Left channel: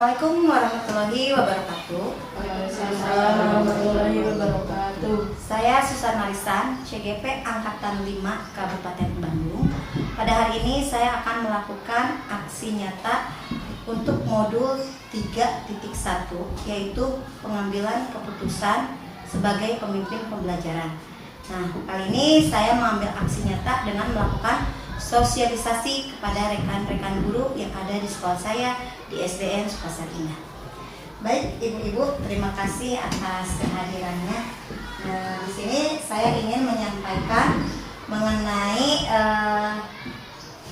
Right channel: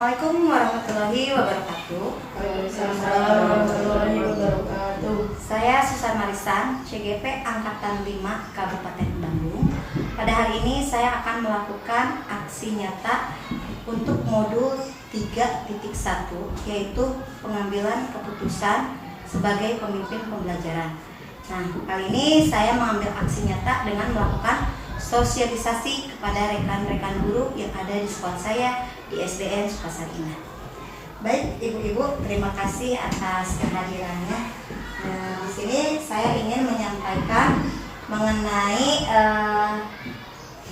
Assalamualaikum warahmatullahi wabarakatuh. Waalaikumsalam warahmatullahi wabarakatuh. Saya Susan Marisan, CGP Angkatan 5 Kabupaten Bandung. Pada hari ini saya akan melakukan aksi nyata untuk modul 3.1, yaitu pengambilan keputusan sebagai pemimpin pembelajaran. Nah, kali ini saya mengambil aksi nyata dengan melakukan sosialisasi kepada rekan-rekan guru yang ada di sekolah saya di SDN Sukasari. Baik, ibu-ibu, terima kasih atas kehadirannya. Nah, di sini saya ingin menyampaikan mengenai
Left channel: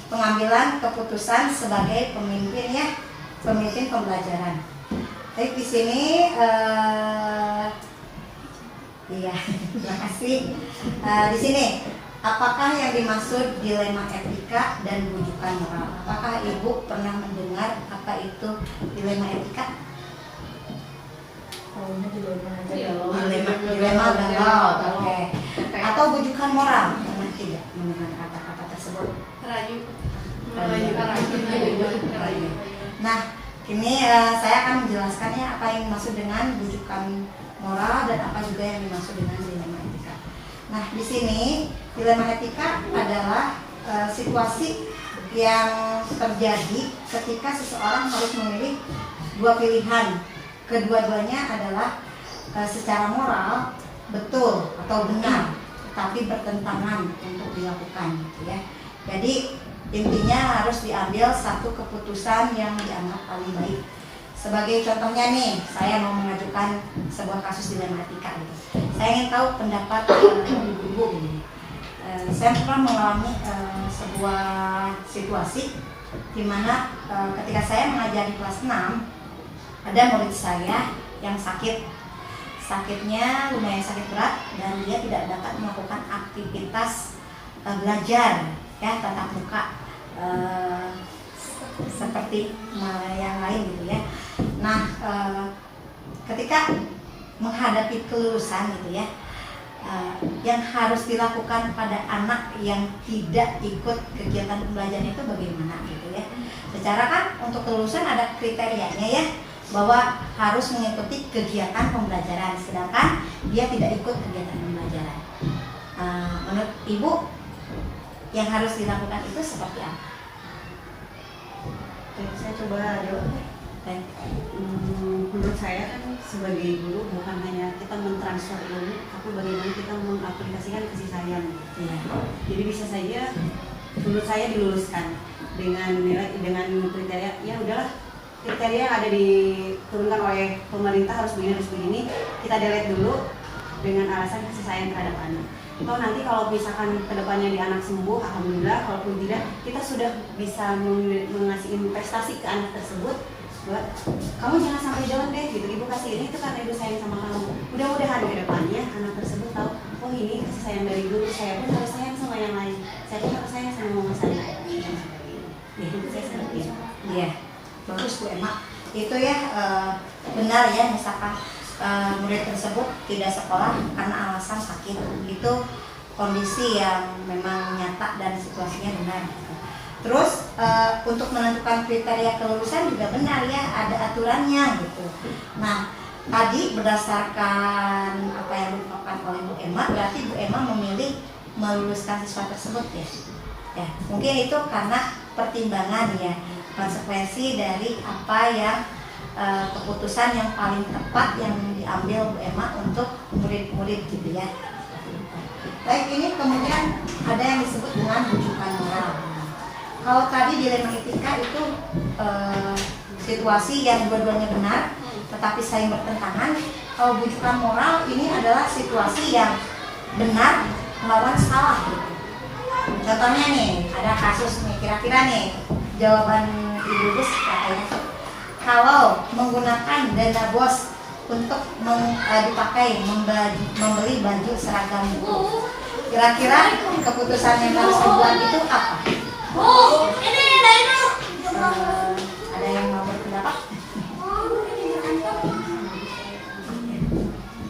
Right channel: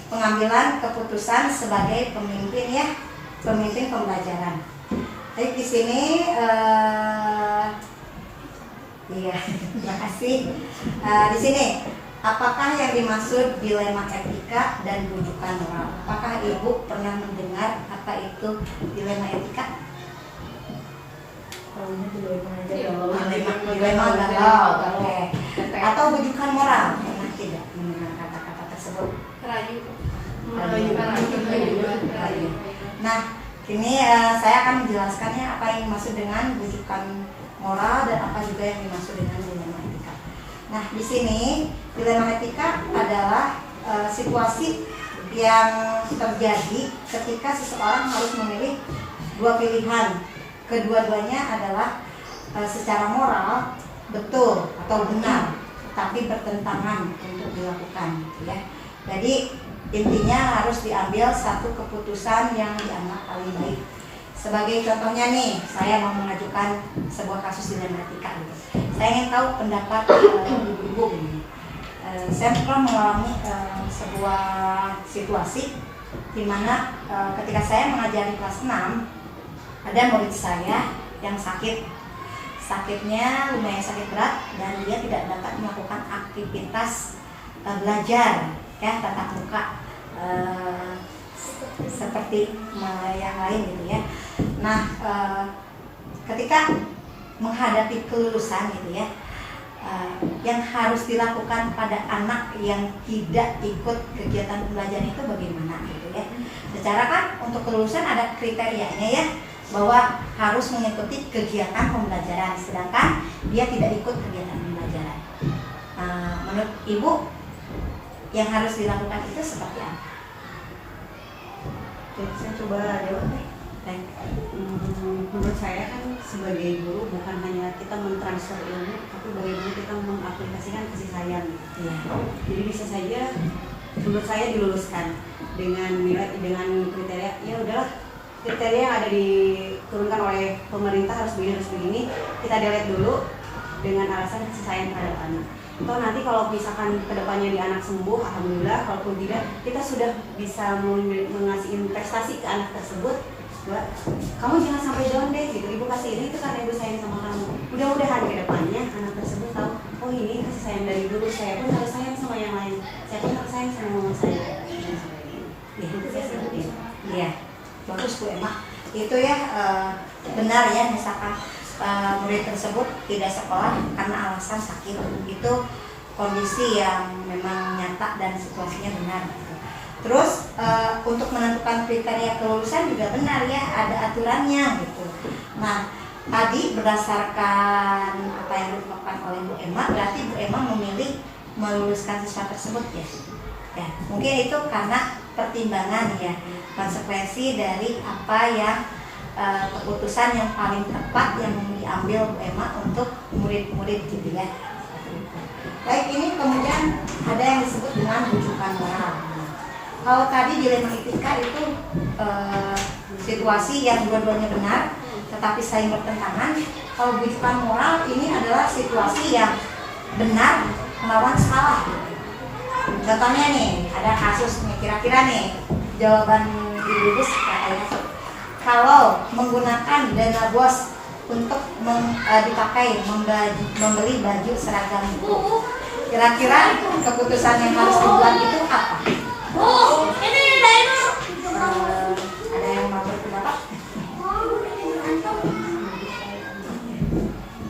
pengambilan keputusan sebagai pemimpin pembelajaran. Baik, di sini terima kasih. Di sini, apakah yang dimaksud dilema etika dan rujukan moral? Apakah ibu pernah mendengar apa itu dilema etika? Dilema galau, oke. Atau rujukan moral? Pernah tidak mendengar kata-kata tersebut? Rayu. Nah, ini saya akan menjelaskannya apa yang dimaksud dengan rujukan moral dan apa juga yang dimaksud dengan dilema etika. Nah, di sini dilema etika adalah situasi yang terjadi ketika seseorang harus memilih dua pilihan. Kedua-duanya adalah secara moral betul atau benar, tetapi bertentangan untuk dilakukan, gitu ya. Jadi intinya harus diambil satu keputusan yang dianggap paling baik. Sebagai contohnya nih, saya mau mengajukan sebuah kasus dilema etika gitu. Saya ingin tahu pendapat ibu-ibu ini. Saya pernah mengalami sebuah situasi di mana ketika saya mengajar di kelas 6, ada murid saya yang sakitnya lumayan sakit berat dan dia tidak dapat melakukan aktivitas belajar ya tatap muka seperti yang lain gitu ya. Nah, ketika menghadapi kelulusan gitu ya, yang harus dilakukan pada anak yang tidak ikut kegiatan pembelajaran itu bagaimana gitu ya. Secara kan untuk kelulusan ada kriterianya ya, bahwa harus mengikuti kegiatan pembelajaran, sedangkan dia tidak ikut kegiatan pembelajaran. Menurut ibu, yang harus dilakukan itu seperti apa? Saya coba jawab. Menurut saya kan sebagai guru bukan hanya kita mentransfer ilmu, tapi bagaimana kita mengaplikasikan kasih sayang. Ya. Jadi bisa saja menurut saya diluluskan dengan nilai, dengan kriteria ya udahlah, kriteria yang ada diturunkan oleh pemerintah harus begini, kita delete dulu dengan alasan kasih sayang terhadap anak. Atau nanti kalau misalkan kedepannya di anak sembuh, alhamdulillah. Kalaupun tidak, kita sudah bisa mengasih investasi ke anak tersebut. Kamu jangan sampai down deh, gitu. Ibu kasih ini itu karena ibu sayang sama kamu. Mudah-mudahan ke depannya anak tersebut tahu, oh ini kasih sayang dari dulu. Saya pun harus sayang sama yang lain. Saya pun harus sayang sama mama saya. Ya, itu saya seperti itu. Iya, bagus Bu Emma. Itu ya benar ya, misalkan murid tersebut tidak sekolah karena alasan sakit, itu kondisi yang memang nyata dan situasinya benar gitu. Terus untuk menentukan kriteria kelulusan juga benar ya, ada aturannya gitu. Nah, tadi berdasarkan apa yang dilakukan oleh Bu Emma, berarti Bu Emma memilih meluluskan siswa tersebut ya. Ya, mungkin itu karena pertimbangan ya, konsekuensi dari apa yang keputusan yang paling tepat yang diambil Bu Emma untuk murid-murid gitu ya. Baik, ini kemudian ada yang disebut dengan rujukan moral. Kalau tadi dilema etika itu situasi yang dua-duanya benar tetapi saling bertentangan. Kalau rujukan moral ini adalah situasi yang benar melawan salah gitu. Contohnya nih, ada kasus nih, kira-kira nih jawaban ibu-ibu kayaknya, kalau menggunakan dana BOS untuk dipakai membeli baju seragam guru, kira-kira keputusan yang harus dibuat itu apa? Ada yang mau berpendapat?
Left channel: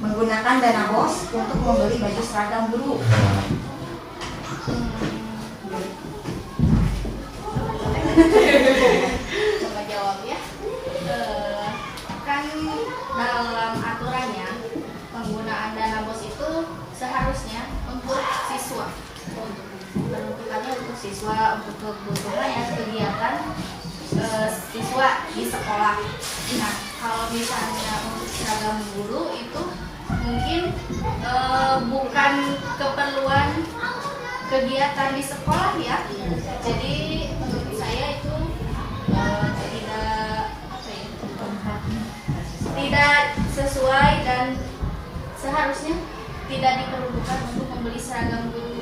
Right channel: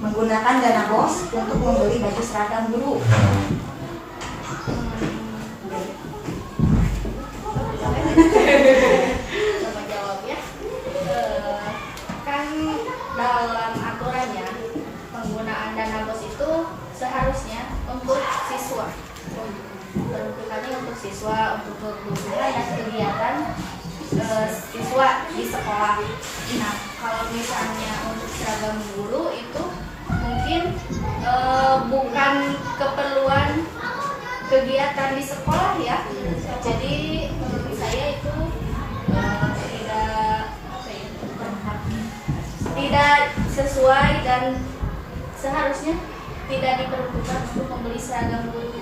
Menggunakan dana BOS untuk membeli baju seragam guru. Coba jawabnya. seharusnya untuk siswa, peruntukannya untuk siswa, untuk kebutuhan dan kegiatan siswa di sekolah. Nah, kalau misalnya untuk seragam guru itu mungkin bukan keperluan kegiatan di sekolah ya. Jadi menurut saya itu tidak sesuai dan seharusnya tidak diperlukan untuk membeli seragam guru.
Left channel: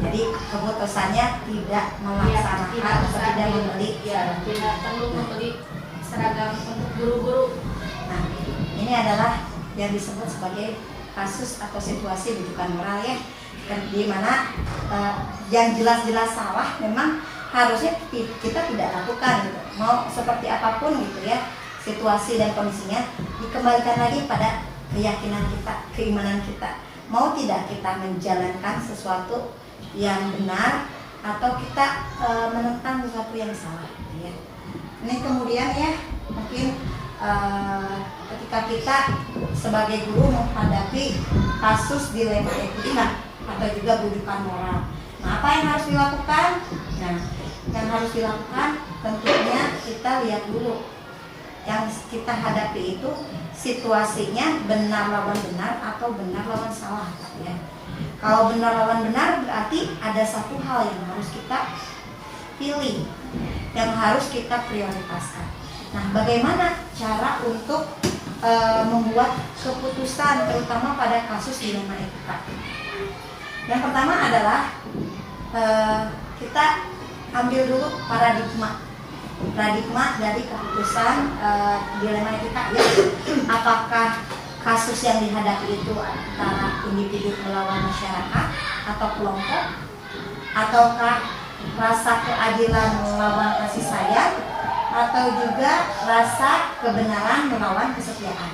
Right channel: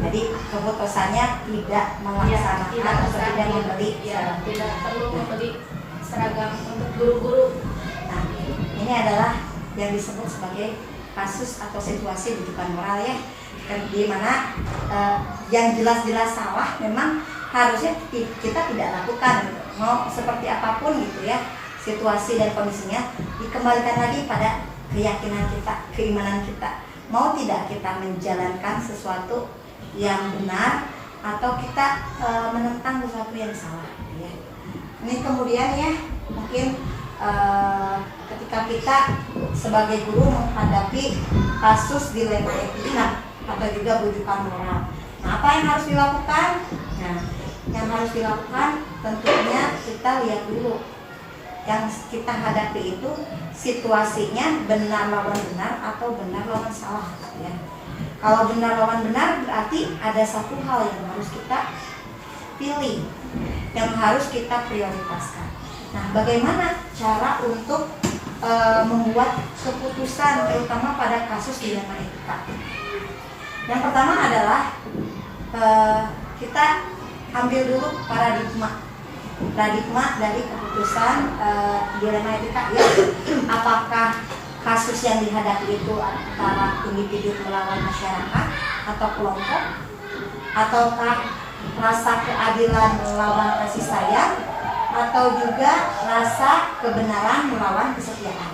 Jadi keputusannya tidak melaksanakan atau tidak membeli. Tidak perlu membeli seragam untuk guru-guru. Nah, ini adalah yang disebut sebagai kasus atau situasi rujukan moral ya, di mana yang jelas-jelas salah memang harusnya kita tidak lakukan gitu. Mau seperti apapun gitu ya situasi dan kondisinya, dikembalikan lagi pada keyakinan kita, keimanan kita. Mau tidak kita menjalankan sesuatu yang benar atau kita menentang sesuatu yang salah gitu ya. Ini kemudian ya mungkin ketika kita sebagai guru menghadapi kasus dilema etika atau juga rujukan moral. Nah, apa yang harus dilakukan? Nah, yang harus dilakukan tentunya kita lihat dulu yang kita hadapi itu situasinya benar lawan benar atau benar lawan salah ya. Kalau benar lawan benar berarti ada satu hal yang harus kita pilih, yang harus kita prioritaskan. Nah, bagaimana cara untuk membuat keputusan terutama pada kasus dilema etika? Yang pertama adalah kita ambil dulu paradigma dari keputusan dilema etika ya. Apakah kasus yang dihadapi itu antara individu melawan masyarakat atau kelompok, ataukah rasa keadilan melawan kasih sayang, atau juga rasa kebenaran melawan kesetiaan.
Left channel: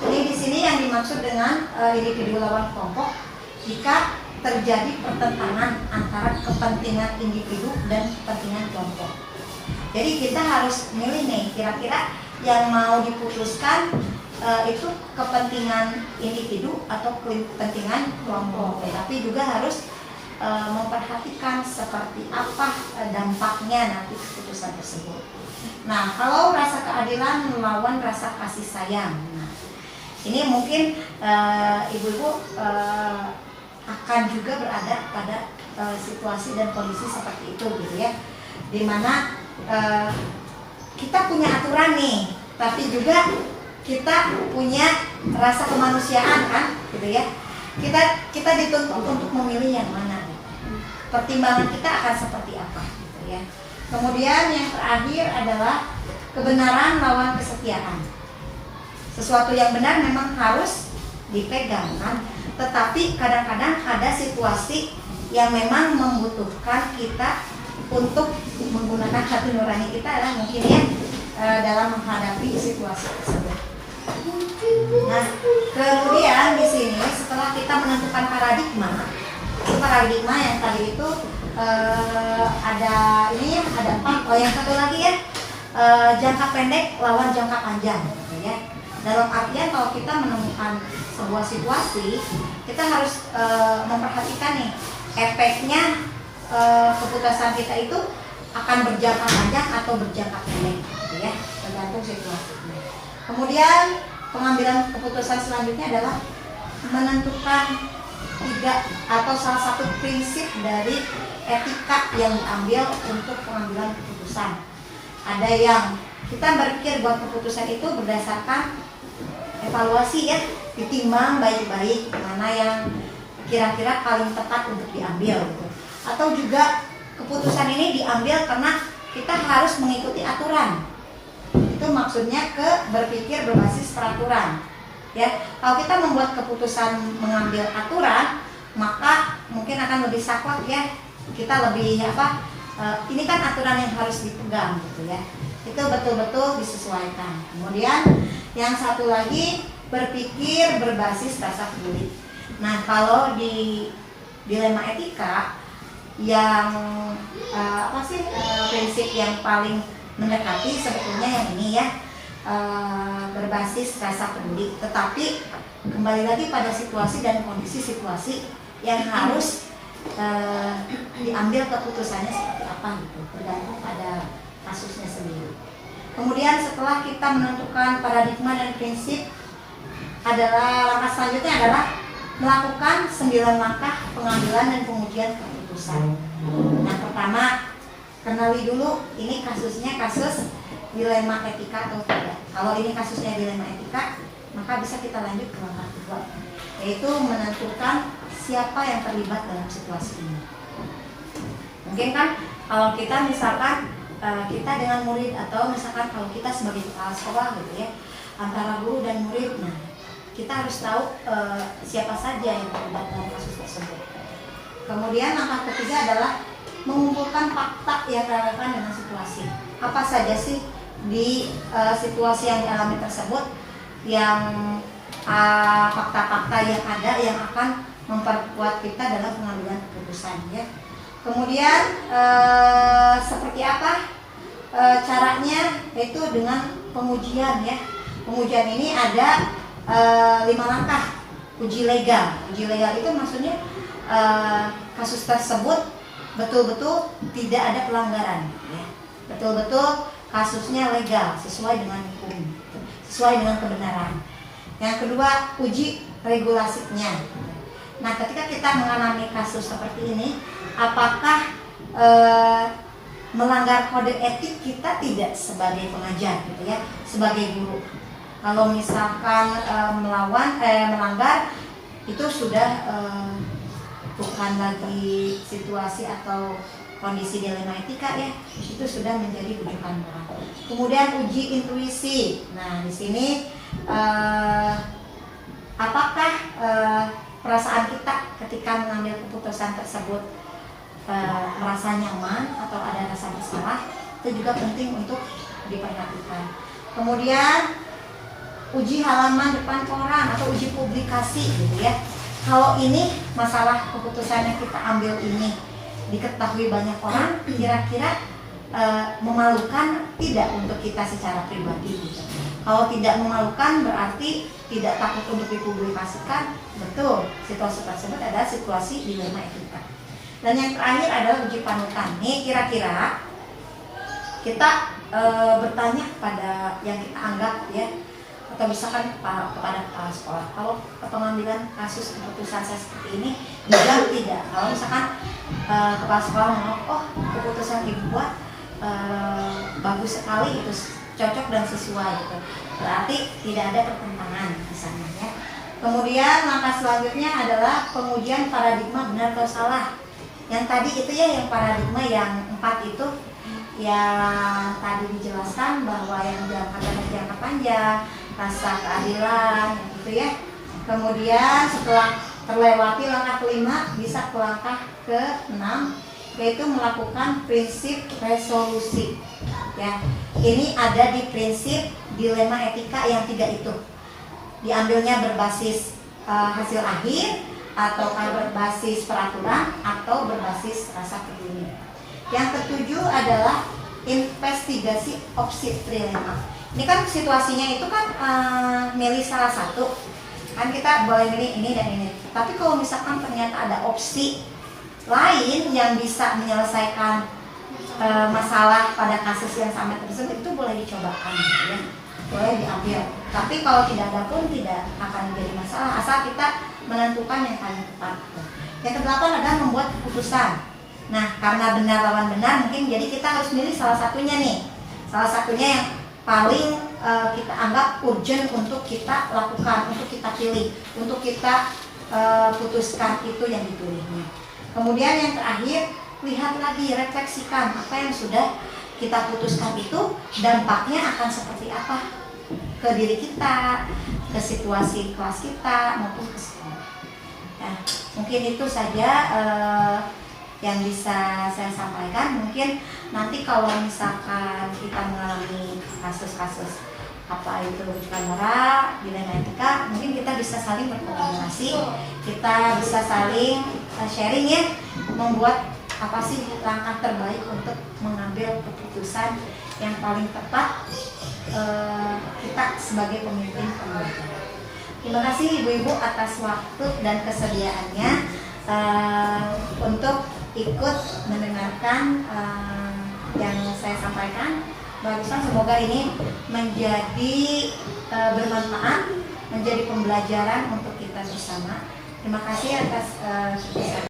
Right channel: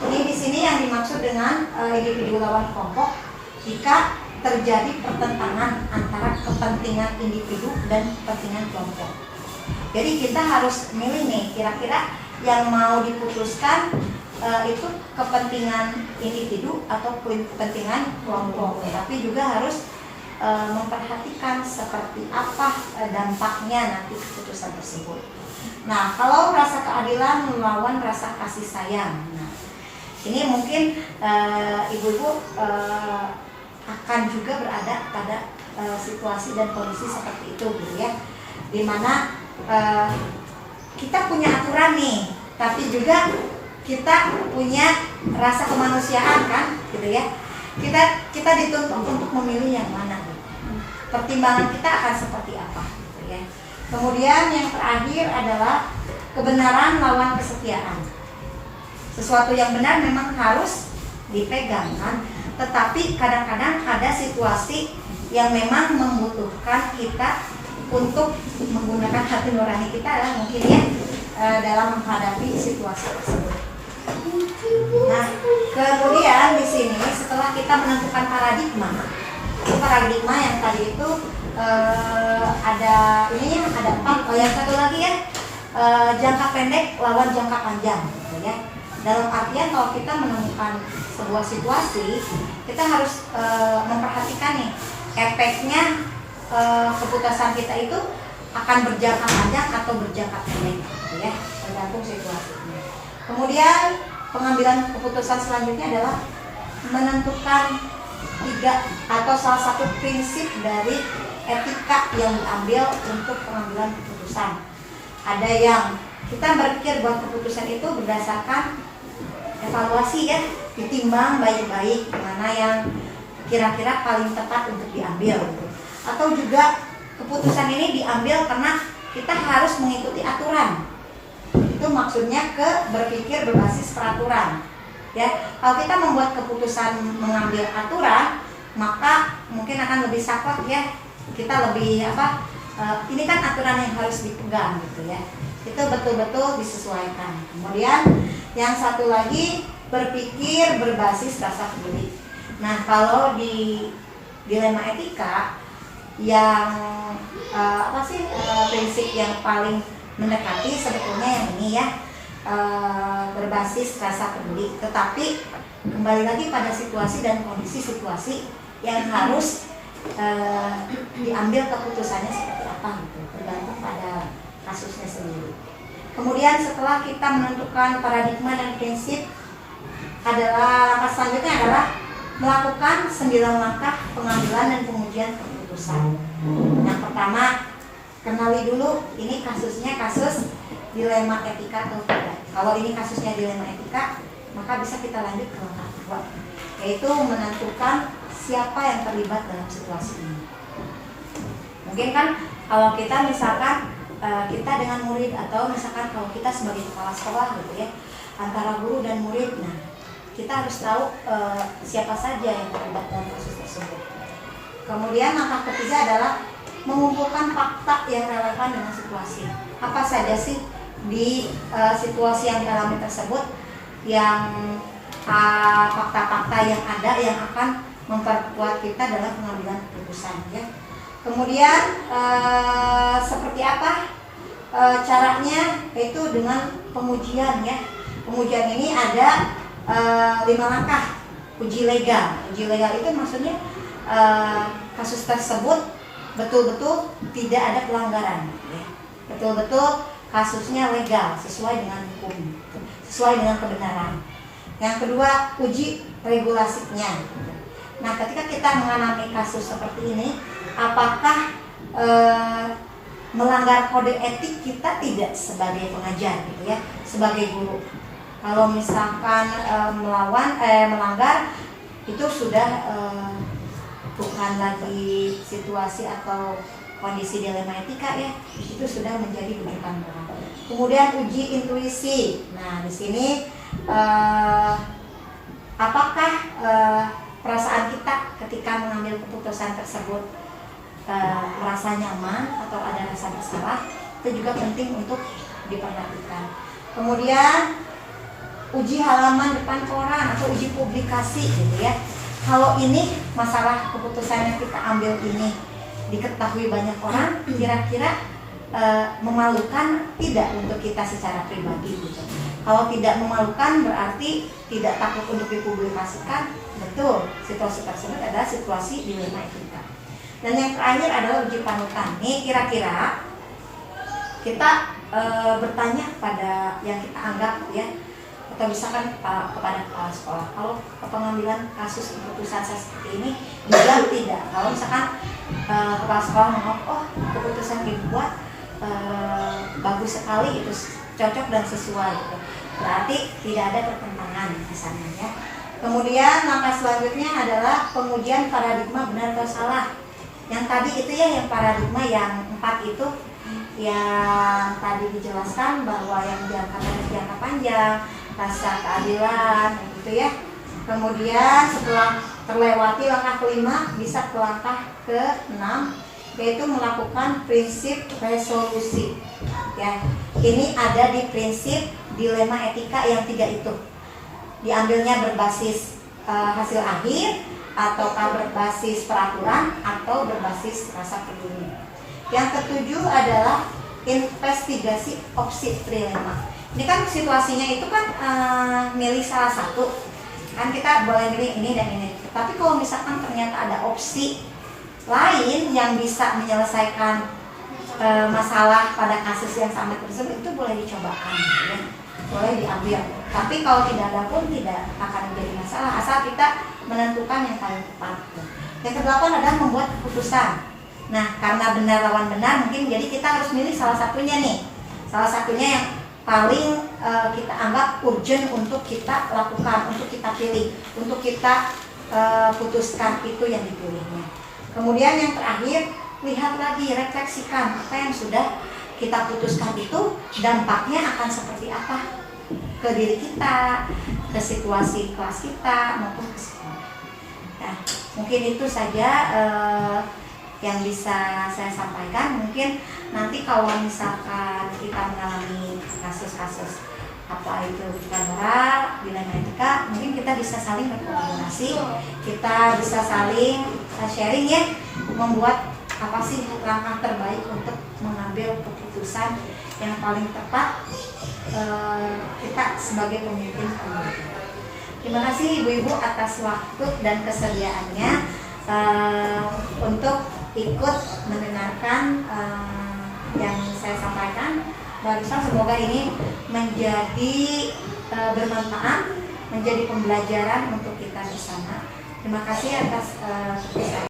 Jadi di sini yang dimaksud dengan individu lawan kelompok jika terjadi pertentangan antara kepentingan individu dan kepentingan kelompok. Jadi kita harus milih nih, kira-kira yang mau diputuskan itu kepentingan individu atau kepentingan kelompok. Tapi juga harus memperhatikan seperti apa dampaknya nanti keputusan tersebut. Nah, kalau rasa keadilan melawan rasa kasih sayang, nah ini mungkin ibu-ibu akan juga berada pada situasi dan kondisi seperti itu gitu ya, dimana kita punya aturan nih, tapi juga kita punya rasa kemanusiaan kan, gitu ya. Kita dituntut untuk memilih yang mana. Pertimbangan kita akan seperti apa, gitu ya. Kemudian yang terakhir adalah kebenaran lawan kesetiaan. Sesuatu yang benar memang harus dipegang kan, tetapi kadang-kadang ada situasi yang memang membutuhkan kita untuk menggunakan hati nurani kita lah mungkin ya dalam menghadapi situasi tersebut. Nah, kemudian di sini setelah kita menentukan paradigma yang tadi itu ada ini ya, ada 4. Oh, yang satu lagi ya, jangka pendek lawan jangka panjang gitu ya. Dalam artian kalau kita menemukan sebuah situasi, kita harus memperhatikan nih efeknya keputusan kita itu akan berjangka panjang atau berjangka pendek gitu ya, tergantung situasinya. Kemudian pengambilan keputusan selanjutnya adalah menentukan 3 atau salah satu prinsip dari etika yang diambil untuk pengambilan keputusan. Ada yang kita berpikir buat keputusan itu berdasarkan evaluasi ya, ditimbang baik-baik mana yang kira-kira paling tepat untuk diambil gitu. Atau juga keputusan ini diambil karena kita harus mengikuti aturan. Itu maksudnya berpikir berbasis peraturan. Ya, kalau kita membuat keputusan mengambil aturan, maka mungkin akan lebih saklek ya. Kita lebih ini kan aturan yang harus dipegang gitu ya. Itu betul-betul disesuaikan. Kemudian yang satu lagi berpikir berbasis rasa peduli. Nah, kalau di dilema etika yang prinsip yang paling mendekati sebetulnya yang ini ya, berbasis rasa peduli, tetapi kembali lagi pada situasi dan kondisi situasi yang harus diambil keputusannya seperti apa gitu, tergantung pada kasusnya sendiri. Kemudian setelah kita menentukan paradigma dan prinsip, adalah langkah selanjutnya adalah melakukan 9 langkah pengambilan dan pengujian keputusan. Yang pertama, kenali dulu ini kasusnya kasus dilema etika atau tidak. Kalau ini kasusnya dilema etika, maka bisa kita lanjut ke langkah kedua, yaitu menentukan siapa yang terlibat dalam situasi ini. Mungkin kan kalau kita misalkan kita dengan murid, atau misalkan kalau kita sebagai kepala sekolah gitu ya, antara guru dan murid, nah kita harus tahu siapa saja yang terlibat dalam kasus tersebut. Kemudian langkah ketiga adalah mengumpulkan fakta yang relevan dengan situasi. Apa saja sih di situasi yang dialami tersebut yang fakta-fakta yang ada yang akan memperkuat kita dalam pengambilan keputusan ya. Kemudian seperti apa caranya, yaitu dengan pengujian ya. Pengujian ini ada 5 langkah. Uji legal. Uji legal itu maksudnya kasus tersebut betul-betul tidak ada pelanggaran ya. Betul-betul kasusnya legal, sesuai dengan hukum, sesuai dengan kebenaran. Yang kedua, uji regulasinya. Nah, ketika kita mengalami kasus seperti ini, apakah melanggar kode etik kita tidak sebagai pengajar gitu ya, sebagai guru. Kalau misalkan melanggar, itu sudah bukan lagi situasi atau kondisi dilema etika ya, itu sudah menjadi rujukan moral. Kemudian uji intuisi. Nah, di sini apakah perasaan kita ketika mengambil keputusan tersebut merasa nyaman atau ada rasa bersalah, itu juga penting untuk diperhatikan. Kemudian uji halaman depan koran atau uji publikasi gitu ya. Kalau ini masalah keputusan yang kita ambil ini diketahui banyak orang, kira-kira memalukan tidak untuk kita secara pribadi gitu. Kalau tidak memalukan berarti tidak takut untuk dipublikasikan. Betul, situasi tersebut adalah situasi dilema etika. Dan yang terakhir adalah uji panutan. Nih kira-kira kita bertanya pada yang kita anggap ya, atau misalkan kepada kepala sekolah, kalau pengambilan kasus keputusan saya seperti ini juga tidak. Kalau misalkan kepala sekolah mau, oh keputusan dibuat bagus sekali, itu cocok dan sesuai gitu, berarti tidak ada pertentangan di sana ya. Kemudian langkah selanjutnya adalah pengujian paradigma benar atau salah. Yang tadi itu ya, yang paradigma yang 4 itu yang tadi dijelaskan bahwa yang jangka pendek, jangka panjang, rasa keadilan gitu ya. Kemudian setelah terlewati langkah kelima, bisa ke langkah ke-6, yaitu melakukan prinsip resolusi ya. Ini ada di prinsip dilema etika yang 3 itu. Diambilnya berbasis hasil akhir, ataukah berbasis peraturan, atau berbasis rasa peduli. Yang ke-7 adalah investigasi opsi trilema. Ini kan situasinya itu kan milih salah satu, kan kita boleh milih ini dan ini. Tapi kalau misalkan ternyata ada opsi lain yang bisa menyelesaikan masalah pada kasus yang sama tersebut, itu boleh dicobakan ya. Boleh diambil. Tapi kalau tidak ada pun tidak akan menjadi masalah, asal kita menentukan yang paling tepat. Yang ke-8 adalah membuat keputusan. Nah, karena benar lawan benar, mungkin jadi kita harus milih salah satunya nih. Salah satunya yang paling kita anggap urgent untuk kita lakukan, untuk kita pilih, untuk kita putuskan, itu yang dipilihnya. Kemudian yang terakhir, lihat lagi, refleksikan apa yang sudah kita putuskan itu dampaknya akan seperti apa ke diri kita, ke situasi kelas kita, maupun ke sekolah. Nah, mungkin itu saja yang bisa saya sampaikan. Mungkin nanti kalau misalkan kita mengalami kasus-kasus apa itu bandara, dilema etika, mungkin kita bisa saling berkolaborasi, kita bisa saling sharing ya, membuat apa sih langkah terbaik untuk mengambil keputusan yang paling tepat kita sebagai pemimpin pembelajar. Terima kasih ibu-ibu atas waktu dan kesediaannya untuk ikut mendengarkan yang saya sampaikan. Barusan semoga ini menjadi bermanfaat, menjadi pembelajaran untuk kita bersama. Terima kasih atas